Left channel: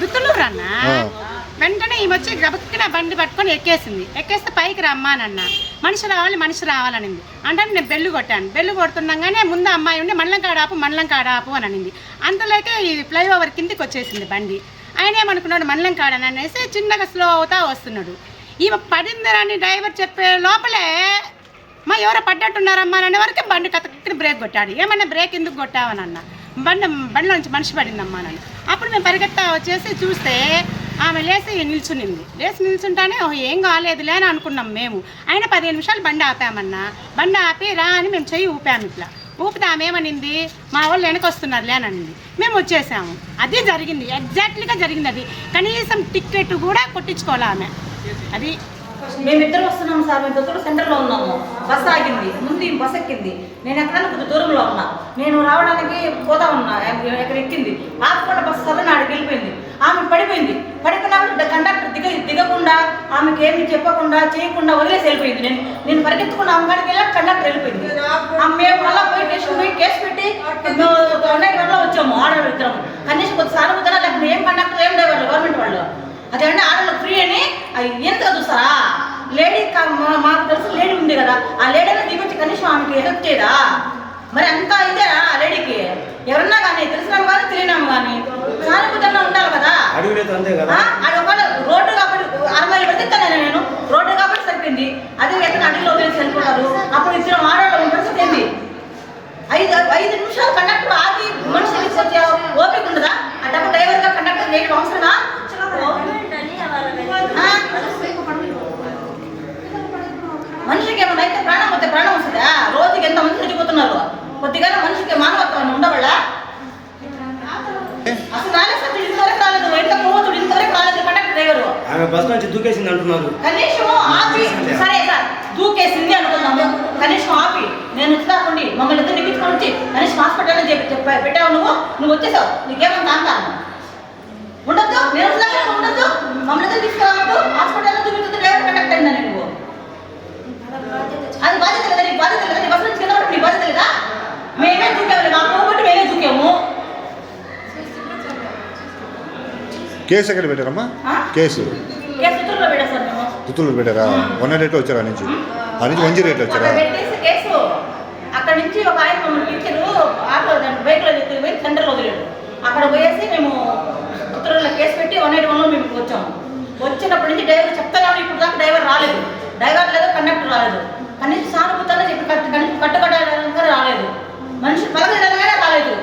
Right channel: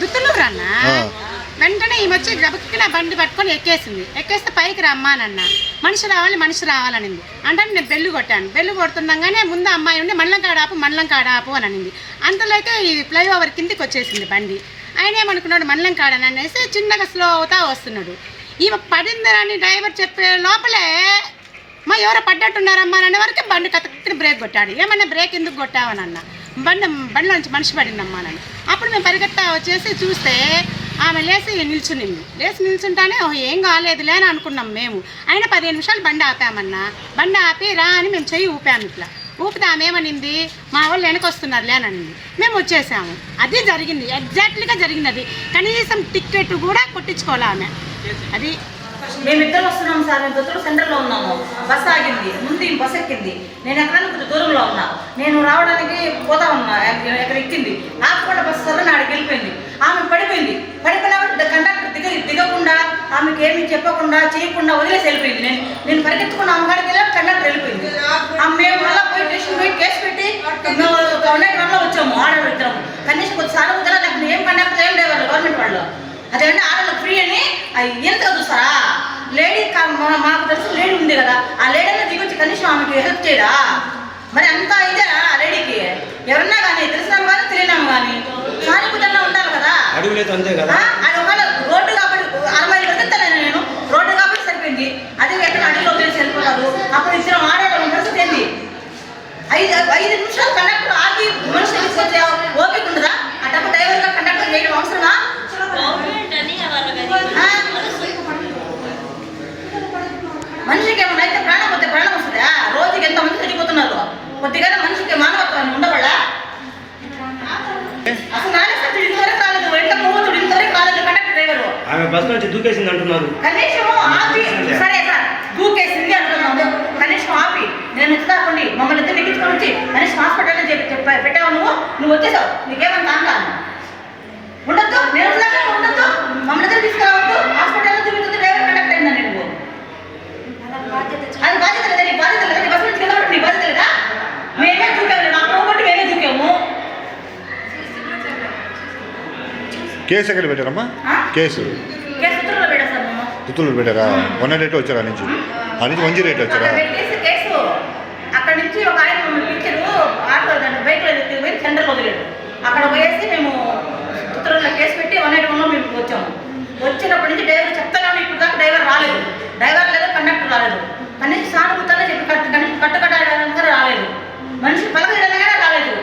దుత్తులూరు అన్న వెంటనే ఈమె వచ్చి గబక్కిన బండి పట్టుకొని ఎక్కేస్తే పైకి రమ్మానన్న మనిషి రావాలనింది అంటే నేను బెల్లు కొట్టాను. బెల్లు కొడుతుండగానే ముందు అమ్మాయి ఉండి మండలం కాడాపు అని అనింది. అంతలోకే ఈ ఫ్లైఓవర్ కిందికి వచ్చేసింది బండి. ఆయన ఏమనుకున్నాడు మండలం కాడని అనేసి చిన్నగా స్లో అవుతా వస్తున్నాడు. ఈమె పడిందని డ్రైవర్ చెప్పే లోపలే మా ఎవరో పడ్డట్టున్నారమ్మా అనే వరకు బండి కతక్కిన బ్రేక్ కొట్టాడు. ఏమన్నా బ్రేక్ ఎందుకు కొట్టావని అన్న బండిలో నుంచి మనిషి పడిందమ్మా అని. అప్పుడు మేము పరిగెత్తా వచ్చేసి చూస్తే ఆమె లేచి నిల్చుంటానే ఏం కాలేదులే అని అనుకున్నాం మేము. అయినా 15 నిమిషాలు బండి ఆపామన్నా. బండి ఆపి రా అని మేము చెయ్యి ఊపాము. ఇట్లా ఊపితే ఆమె ఏమనింది మా వాళ్ళు వెనకొస్తున్నారులే అని అనింది. మేము వచ్చేసాము. అది జరిగింది, ఎగ్జాక్ట్లీగా జరిగింది. అది కనీసం టికెట్ కూడా కొట్టించుకోవాలి ఆమె. అది మేమిద్దరు వస్తున్నాము సార్. మేము దొత్తూరు సెంటర్లో ఉన్నాము. బస్సు ఆగింది, ముందు బస్సు ఎక్కింది. నేను ఎక్కడానికి కొంచెం దూరంలో ఉన్నా. నేను రావడానికి పోతా ఉన్నా, ఎక్కడ ఎక్కింది ఆకుండా బస్సు సరని ఆడికి వెళ్ళిపోయింది. ఆమె పడిపోయినప్పుడు కండక్టర్ దిగకుండా ఆమెకి ఏమి చెప్పకుండా చేయకుండా వదిలేసి వెళ్ళిపోయింది. నేను పరిగెత్తుకున్న ఆమె కాడికి వెళ్ళి కండక్టర్ వెళ్ళిపోయింది. మేము మళ్ళీ పోయి స్టేషన్ పోయి కేసు పెట్టి మేము 181లో వచ్చాము. ఆడవాళ్ళు ఇద్దరం కనీసం కొద్ది సానుభూతిగా లేకపోతే ఏం కండక్టర్ ఏం లేవాళ్ళు గవర్నమెంట్ వాళ్ళు. అదేంటే ఆడవాళ్ళకి ఫ్రీ అని ఎంతగా చూస్తారా? లేడీ మాకు తెలుసు లేడీ ఉంది కదా, ఆ లేడీలో దిగొచ్చి కనీసం ఆమెకి హెల్ప్ చేయదా? మరి అంత ఇదేరా ఆ లేడీకి? ఎవరన్నా కానీ తెలిసినాము కానీ తెలియనాము కానీ సానుభూతంగా ఉండాలి కదా. అది ఒకవేళ రోడ్డు కాబట్టి 6 మైళ్ళు పెడతాను నేను, రోడ్డు కాబట్టి సరిపోయింది. అదే ఎక్కడ అడిగిలో వదిలేసి వెళ్ళిపోతారు. అప్పుడు ఇద్దరం ఆడవాళ్ళ పరిస్థితి ఏంది? 5 నిమిషాలు కండక్టర్ ఆగి మనిషి వెళ్ళిపోతే ఓపిక ఉండదా? ఆ డబ్బు డ్రైవర్గా కండక్టర్ చేయడం అవసరమా? మనిషికి ఏమన్నా అయితే ప్రాణం వస్తే ప్రాణం వస్తుందా? రోజుకి ఎంతమంది చచ్చిపోతున్నారు. కొద్దిగా మనిషికి మానవత్వం ఉండవాళ్ళ? అసలు నాలుగు ఇంతవరకు రాలేదు, ఎంత పోవచ్చుడు ఇంతవరకు రాలేదు కండక్టర్ డ్రైవర్. కనీసం ఆపి సరే సార్ దూకేసింది అంటున్నాము, కనీసం ఆపి నేను ఎత్తుకోండి మమ్మల్ని ఇద్దరు ఎక్కించుకొని వచ్చి కనీసం హాస్పిటల్ పెట్టావు. నువ్వు వచ్చేసావు, నీకేమన్నా కాంటాను ఉండొద్దు. నేను ఉండొద్దు, మమ్మల్ని ఇద్దరు తీసుకురావద్దు. హాస్పిటల్లో చూపించదు డ్రైవర్ కండక్టర్ అయిందా నువ్వు? అది బాధ్యత లేదా? నీ బాధ్యత లేదా? నీ బస్సు నుంచి కింద నీ బాధ్యత లేదా? మేమే దూకాము, మాకు పోగొట్టి మేమే దూకాము. కేసు ఎక్కడ పెట్టారమ్మా? కేసు ఉత్తర్వులో పెట్టా సార్. మేము ఉత్తర్వులు పెట్టారా? 108 వచ్చారా? నుంచి 108 వచ్చారా? కేసు అక్కడి నుంచి ఒక ఆయన మమ్మల్ని టీచరు ఆటో బైక్లో పోయి సెంటర్లో వదిలేడు. అక్కడ పోయేసి మేము ఉత్తర్వుల్లో కేసు పెట్టి 181లో మేము వచ్చాము. వచ్చేటప్పటి నుంచి డ్రైవర్ చెప్తాను, ఇప్పుడు దాకా డ్రైవర్ రాలేదు. డ్రైవర్ లేదు, కండక్టర్ రాలేదు. కనీసం సానుభూతంగా చెప్పి కట్టుకట్టడానికి రాలేదు. మనిషి పలకడానికి రాలేదు.